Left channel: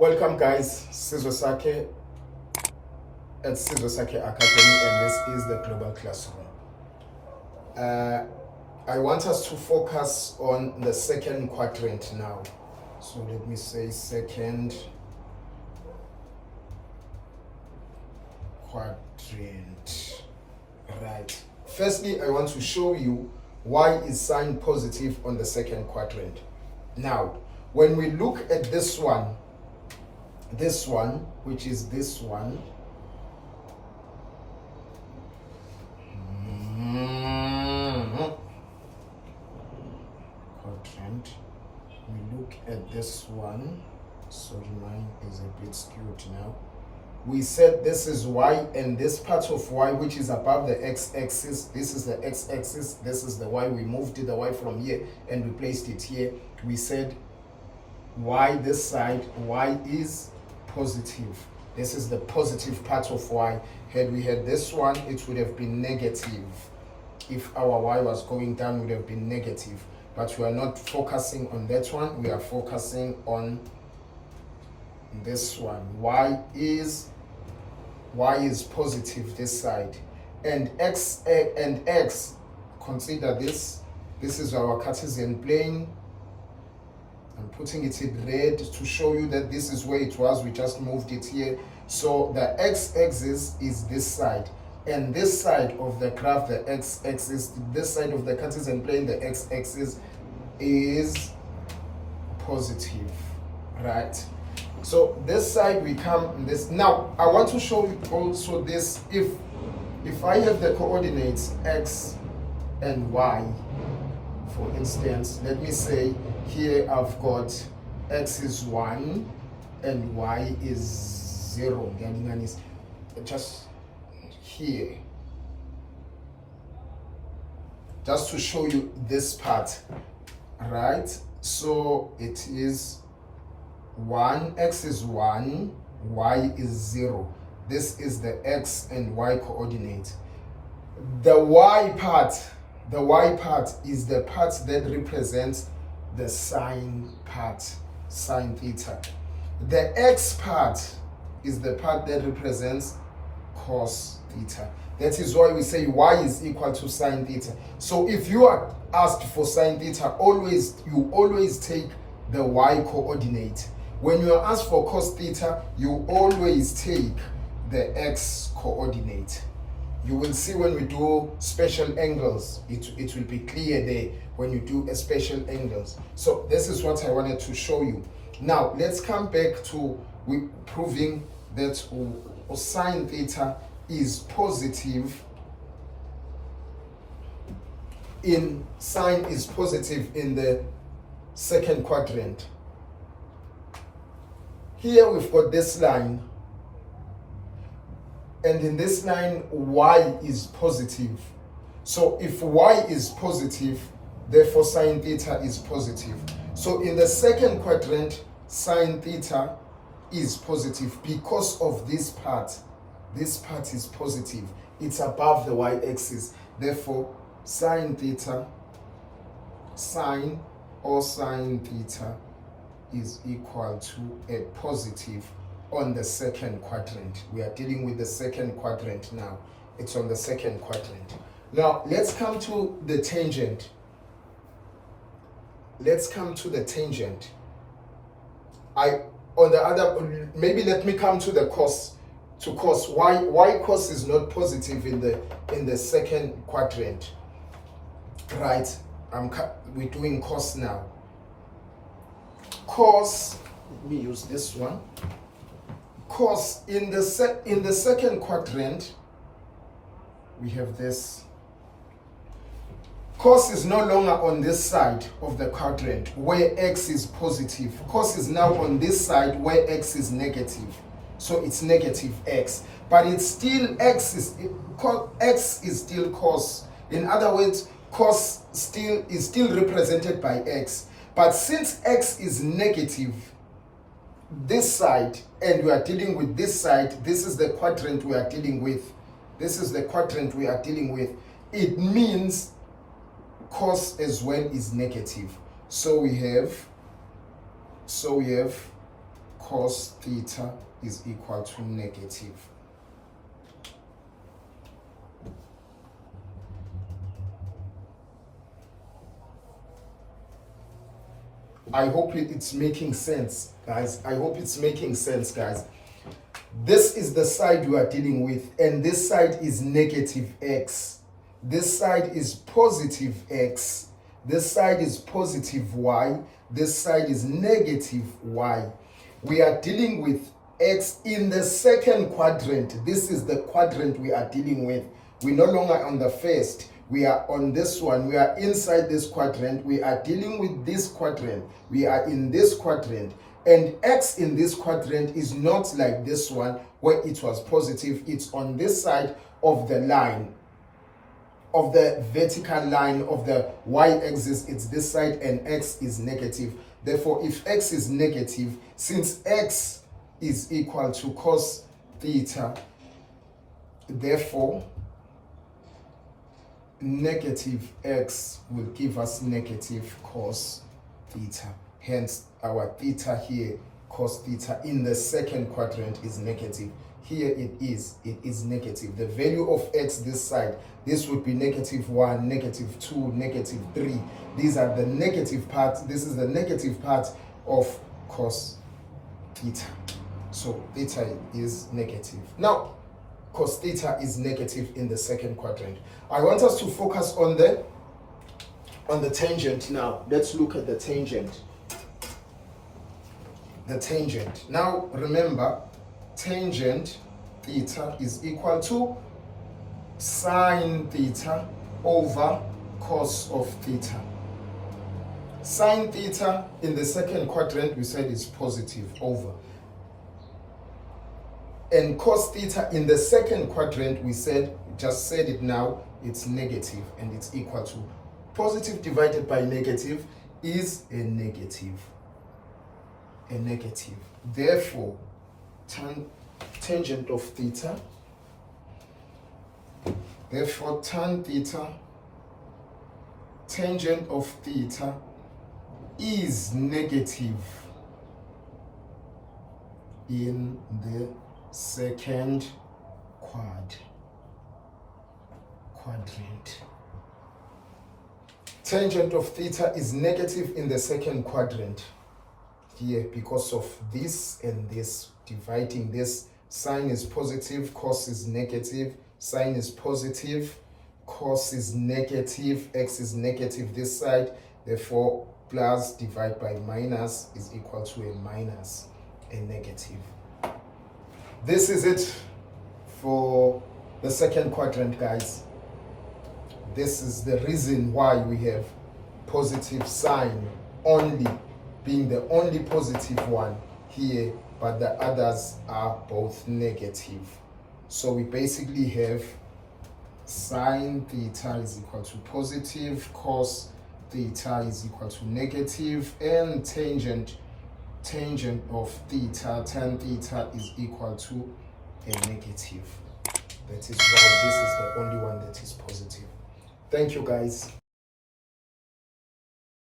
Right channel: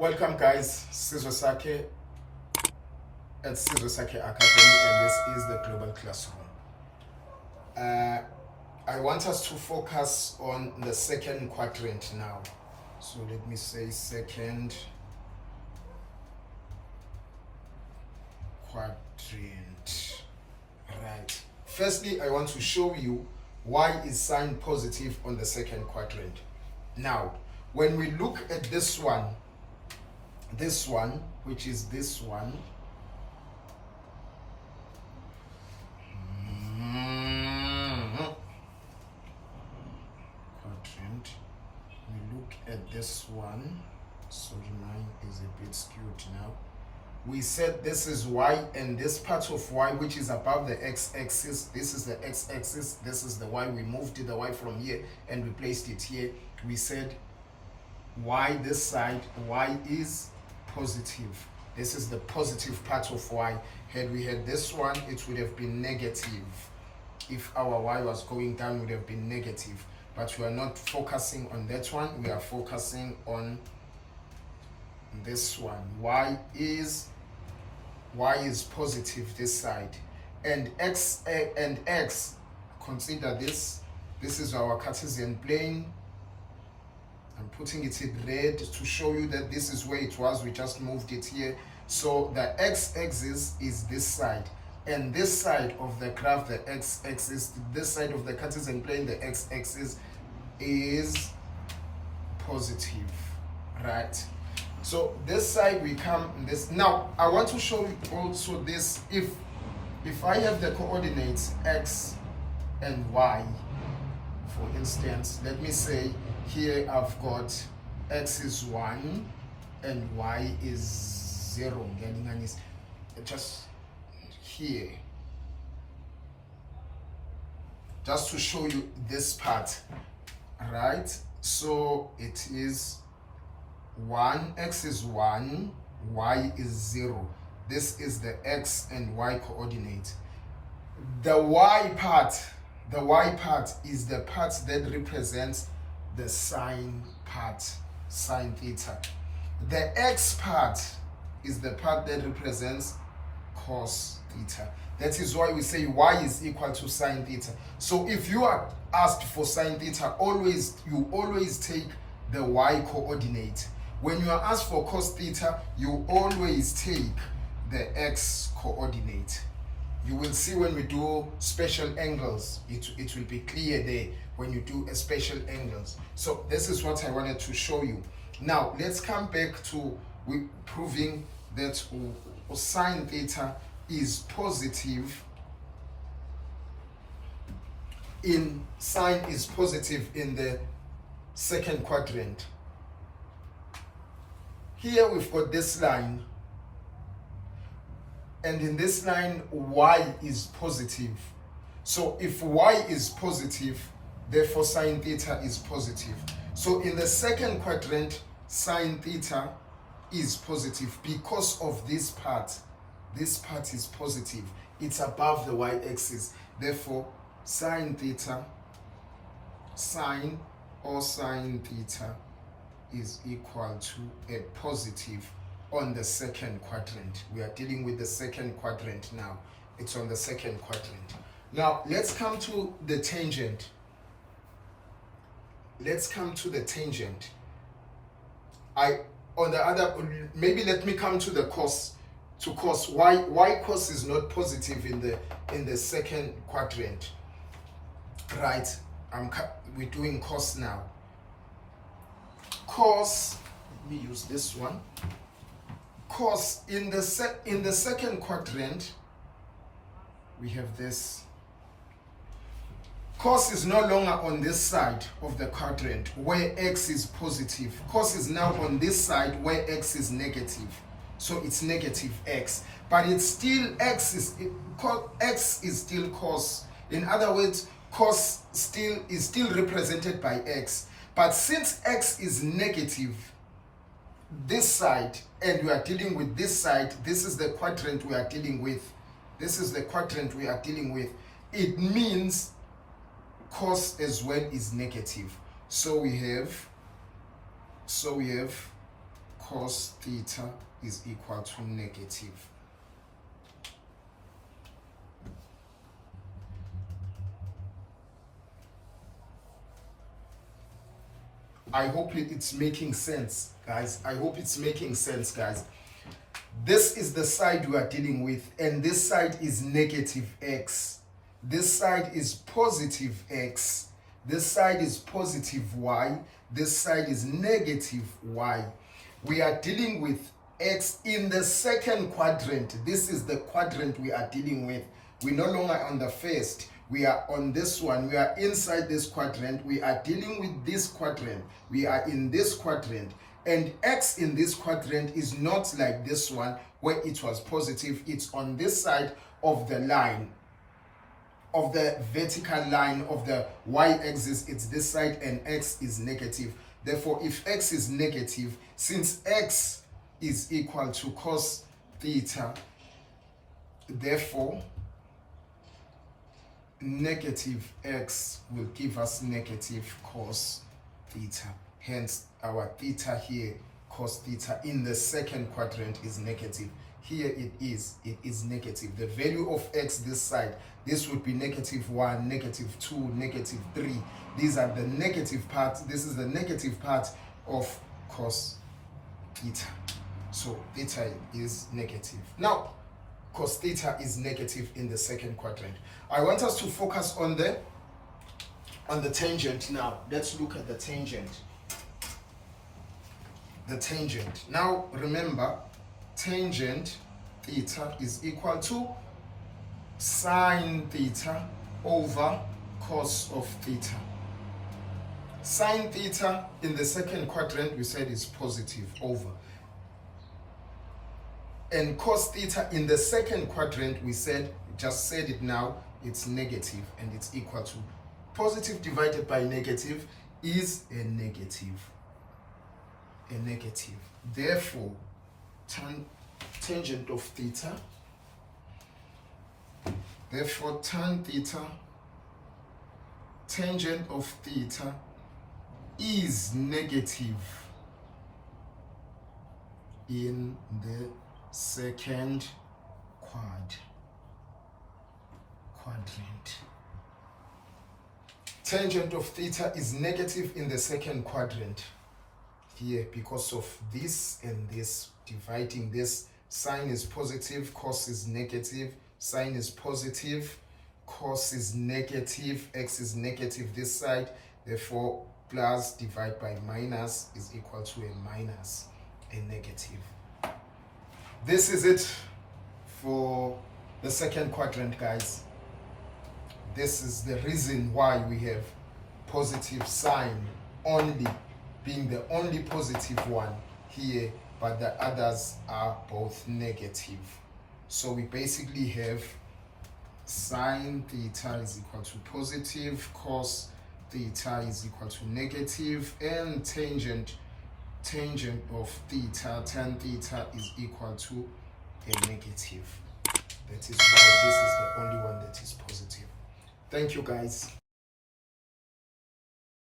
Welcome guys, Sizwe Sakhe at Sizwe Sakhe Academy, and this is the Global Classroom. I want us to focus on the second quadrant now. So let me say second quadrant. Right. Firstly, I want to show you why is sign positive on the second quadrant. Now, when we look at this one, which is this one, quadrant, we look at this one, sorry, mine is a bit skewed now. We said this is y, and this part of y which is above the x-axis, this is the x-axis, this is the y. We moved the y from here and we placed it here. We said y, this side, y is positive. This is the positive part of y. Had we had this one, it would have been negative. If our y was going down, it would have been negative. But we are not focusing on that one. We are focusing on this one. Y is positive this side, and x, consider this is our Cartesian plane. I'm putting it in red to show you that this is where it was. We just moved it here. So the x-axis is this side, and this side of the graph, the x-axis, this side of the Cartesian plane, the x-axis is positive, right? So this side we come this. Now I want to show you also this. If I have the coordinates x and y, for instance, let me say here I've got x is 1 and y is 0. Just here, just to show you this part, right? So it is 1, x is 1, y is 0. This is the x and y coordinate. The y part is the part that represents the sine part, sine theta. The x part is the part that represents cos theta. That is why we say y is equal to sine theta. So if you are asked for sine theta, you always take the y coordinate. When you are asked for cos theta, you always take the x coordinate. You will see when we do special angles, it will be clear there when you do a special angles. So this is what I wanted to show you. Now let's come back to proving that sine theta is positive in the second quadrant. Here we've got this line, and in this line y is positive. So if y is positive, therefore sine theta is positive. So in the second quadrant, sine theta is positive because of this part. This part is positive. It's above the y-axis. Therefore, sine theta is equal to a positive on the second quadrant. We are dealing with the second quadrant now. It's on the second quadrant. Now let's come to the tangent. Maybe let me come to the cos. To cos, why cos is not positive in the second quadrant, right? We're doing cos now. Cos, let me use this one. Cos in the second quadrant, we have this. Cos is no longer on this side of the quadrant where x is positive. Cos is now on this side where x is negative. So it's negative x, but it's still x is still cos. In other words, cos is still represented by x. But since x is negative, this side, and we are dealing with this side, this is the quadrant we are dealing with. It means cos as well is negative. So we have cos theta is equal to negative. I hope it's making sense, guys. I hope it's making sense, guys. This is the side we are dealing with, and this side is negative x. This side is positive x. This side is positive y. This side is negative y. We are dealing with x in the second quadrant. This is the quadrant we are dealing with. We're no longer on the first. We are on this one. We are inside this quadrant. We are dealing with this quadrant. We are in this quadrant. And x in this quadrant is not like this one where it was positive. It's on this side of the line, of the vertical line of the y-axis. It's this side, and x is negative. Therefore, if x is negative, since x is equal to cos theta, therefore negative x will give us negative cos theta. Hence, our theta here, cos theta, in the second quadrant is negative. Here it is negative. The value of x this side, this would be -1, -2, -3. These are the negative parts. This is the negative part of cos theta. So theta is negative. Now, cos theta is negative in the second quadrant. I want us to focus on the tangent now. Let's look at the tangent. The tangent. Now remember, tangent theta is equal to sine theta over cos of theta. Sine theta in the second quadrant we said is positive over. And cos theta in the second quadrant we said, just said it now, it's negative, and it's equal to positive divided by negative is a negative. A negative. Therefore, tangent of theta, therefore tan theta, tangent of theta is negative in the second quadrant. Tangent of theta is negative in the second quadrant here because of this and this. Dividing this, sine is positive, cos is negative, sine is positive, cos is negative, x is negative this side, therefore plus divide by minus is equal to a minus, a negative. This is it for the second quadrant, guys. This is the reason why we have positive sign only, being the only positive one here, but the others are both negative. So we basically have sine theta is equal to positive, cos theta is equal to negative, and tangent of theta, tan theta, is equal to a negative. That is why this is the only one that is positive. Thank you, guys.